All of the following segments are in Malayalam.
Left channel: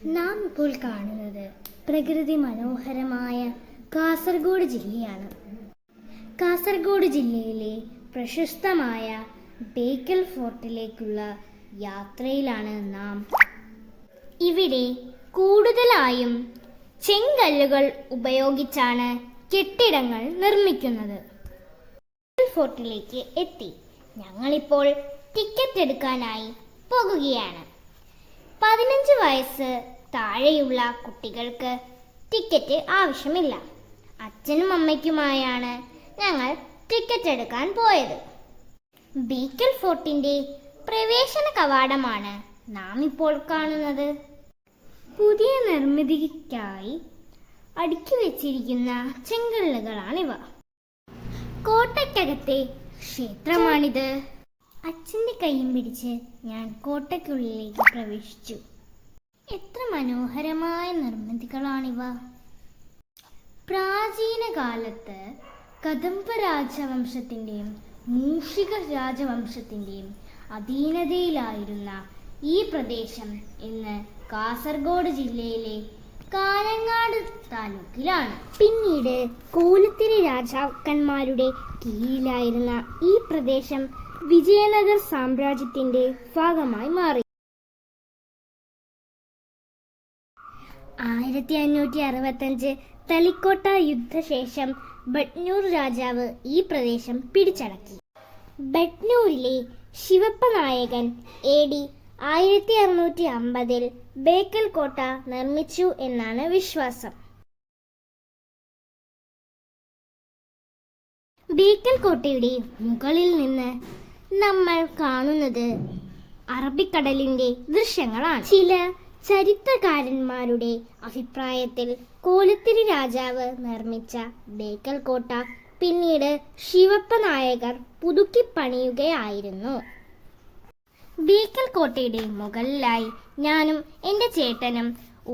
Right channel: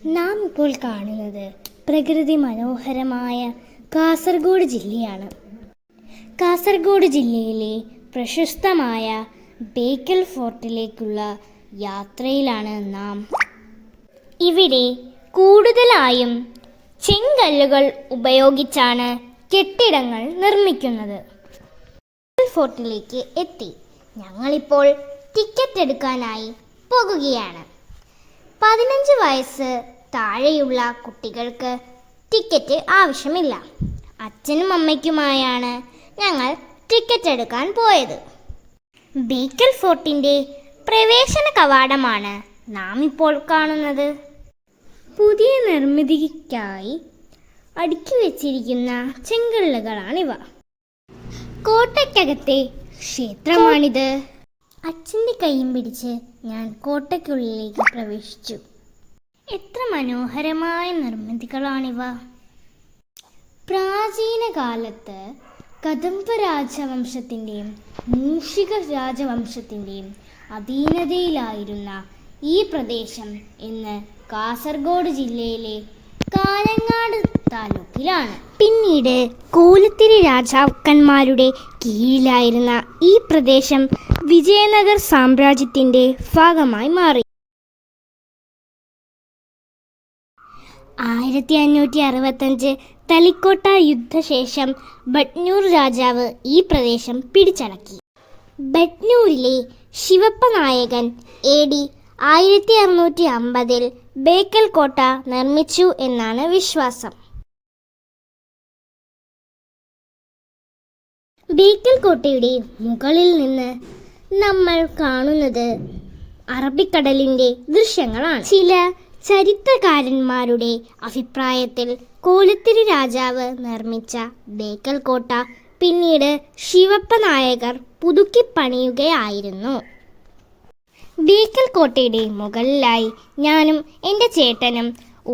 നാം ഇപ്പോൾ കാണുന്നത് പ്രകൃതി മനോഹരമായ കാസർഗോഡ് ജില്ലയാണ്. കാസർഗോഡ് ജില്ലയിലെ പ്രശസ്തമായ ബേക്കൽ ഫോർട്ടിലേക്കുള്ള യാത്രയിലാണ് നാം. ഇവിടെ കൂടുതലായും ചെങ്കല്ലുകൾ ഉപയോഗിച്ചാണ് കെട്ടിടങ്ങൾ നിർമ്മിക്കുന്നത്. ബേക്കൽ ഫോർട്ടിലേക്ക് എത്തി. ഞങ്ങളിപ്പോൾ ടിക്കറ്റ് എടുക്കാനായി പോകുകയാണ്. 15 വയസ്സ് താഴെയുള്ള കുട്ടികൾക്ക് ടിക്കറ്റ് ആവശ്യമില്ല. അച്ഛനും അമ്മയ്ക്കുമായാണ് ഞങ്ങൾ ടിക്കറ്റ് എടുക്കാൻ പോയത്. ബേക്കൽ ഫോർട്ടിൻ്റെ പ്രവേശന കവാടമാണ് നാം ഇപ്പോൾ കാണുന്നത്. പുതിയ നിർമ്മിതിക്കായി അടുക്കി വെച്ചിരിക്കുന്ന ചെങ്കല്ലുകളാണിവ. കോട്ടയ്ക്കകത്തെ ക്ഷേത്രമാണിത്. അച്ഛൻ്റെ കൈയും പിടിച്ച് ഞാൻ കോട്ടയ്ക്കുള്ളിലേക്ക് പ്രവേശിച്ചു. എത്ര മനോഹരമായ നിർമ്മിതികളാണിവ! പ്രാചീന കാലത്ത് കദംബ രാജവംശത്തിൻ്റെയും മൂഷിക രാജവംശത്തിൻ്റെയും അധീനതയിലായിരുന്ന ഈ പ്രദേശം ഇന്ന് കാസർഗോഡ് ജില്ലയിലെ കാഞ്ഞങ്ങാട് താലൂക്കിലാണ്. പിന്നീട് കോലത്തിരി രാജാക്കന്മാരുടെ കീഴിലായിരുന്ന ഈ പ്രദേശം വിജയനഗർ സാമ്രാജ്യത്തിൻ്റെ ഭാഗമായി മാറി. 1565 തളിക്കോട്ട യുദ്ധശേഷം ബട്നൂർ രാജാവ് ഈ പ്രദേശം പിടിച്ചടക്കി. ബട്നൂരിലെ ശിവപ്പ നായകൻ AD 1650 ബേക്കൽ കോട്ട നിർമ്മിച്ചു എന്നാണ് വിശ്വാസം. ബേക്കൽ കോട്ടയുടെ മുകളിൽ നിന്ന് നമ്മൾ കാണുന്നത് അറബിക്കടലിൻ്റെ ദൃശ്യങ്ങളാണ്. ചില ചരിത്രകാരന്മാരുടെ അഭിപ്രായത്തിൽ കോലത്തിരി രാജാവ് നിർമ്മിച്ച ബേക്കൽ കോട്ട പിന്നീട് ശിവപ്പ നായകർ പുതുക്കി പണിയുകയായിരുന്നു. ബേക്കൽ കോട്ടയുടെ മുകളിലായി ഞാനും എൻ്റെ ചേട്ടനും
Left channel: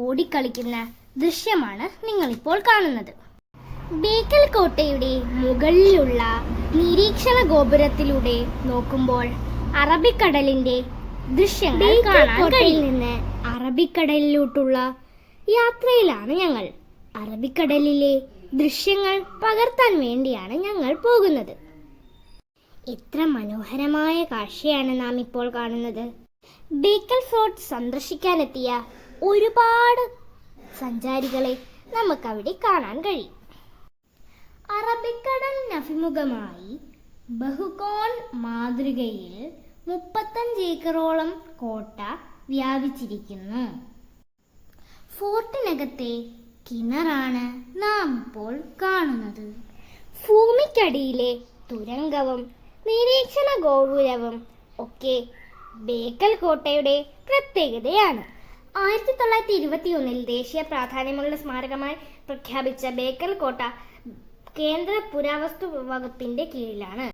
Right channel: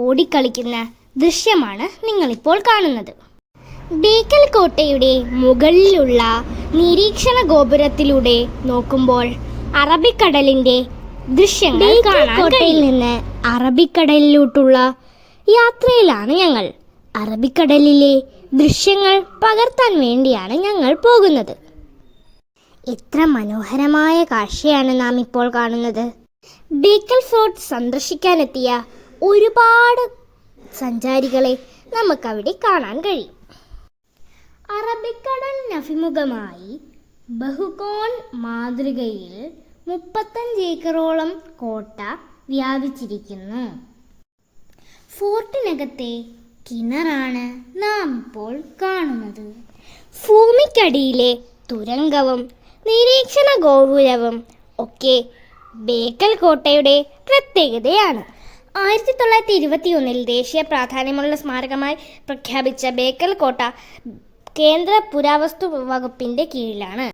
ഓടിക്കളിക്കുന്ന ദൃശ്യമാണ് നിങ്ങളിപ്പോൾ കാണുന്നത്. ബേക്കൽ കോട്ടയുടെ മുകളിലുള്ള നിരീക്ഷണ ഗോപുരത്തിലൂടെ നോക്കുമ്പോൾ അറബിക്കടലിൻ്റെ ദൃശ്യങ്ങൾ കാണാൻ കഴിയും. നിന്ന് അറബിക്കടലിലോട്ടുള്ള യാത്രയിലാണ് ഞങ്ങൾ. അറബിക്കടലിലെ ദൃശ്യങ്ങൾ പകർത്താൻ വേണ്ടിയാണ് ഞങ്ങൾ പോകുന്നത്. എത്ര മനോഹരമായ കാഴ്ചയാണ് നാം ഇപ്പോൾ കാണുന്നത്. ബേക്കൽ ഫോർട്ട് സന്ദർശിക്കാനെത്തിയ ഒരുപാട് സഞ്ചാരികളെ നമുക്കവിടെ കാണാൻ കഴിയും. അറബിക്കടലിനഭിമുഖമായി ബഹുകോൺ മാതൃകയിൽ 35 ഏക്കറോളം കോട്ട വ്യാപിച്ചിരിക്കുന്നു. ഫോർട്ടിനകത്തെ കിണറാണ് നാം ഇപ്പോൾ കാണുന്നത്. ഭൂമിക്കടിയിലെ തുരങ്കവും നിരീക്ഷണ ഗോപുരവും ഒക്കെ ബേക്കൽ കോട്ടയുടെ പ്രത്യേകതയാണ്. 1921 ദേശീയ പ്രാധാന്യമുള്ള സ്മാരകമായി പ്രഖ്യാപിച്ച ബേക്കൽ കോട്ട കേന്ദ്ര പുരാവസ്തു വകുപ്പിൻ്റെ കീഴിലാണ്.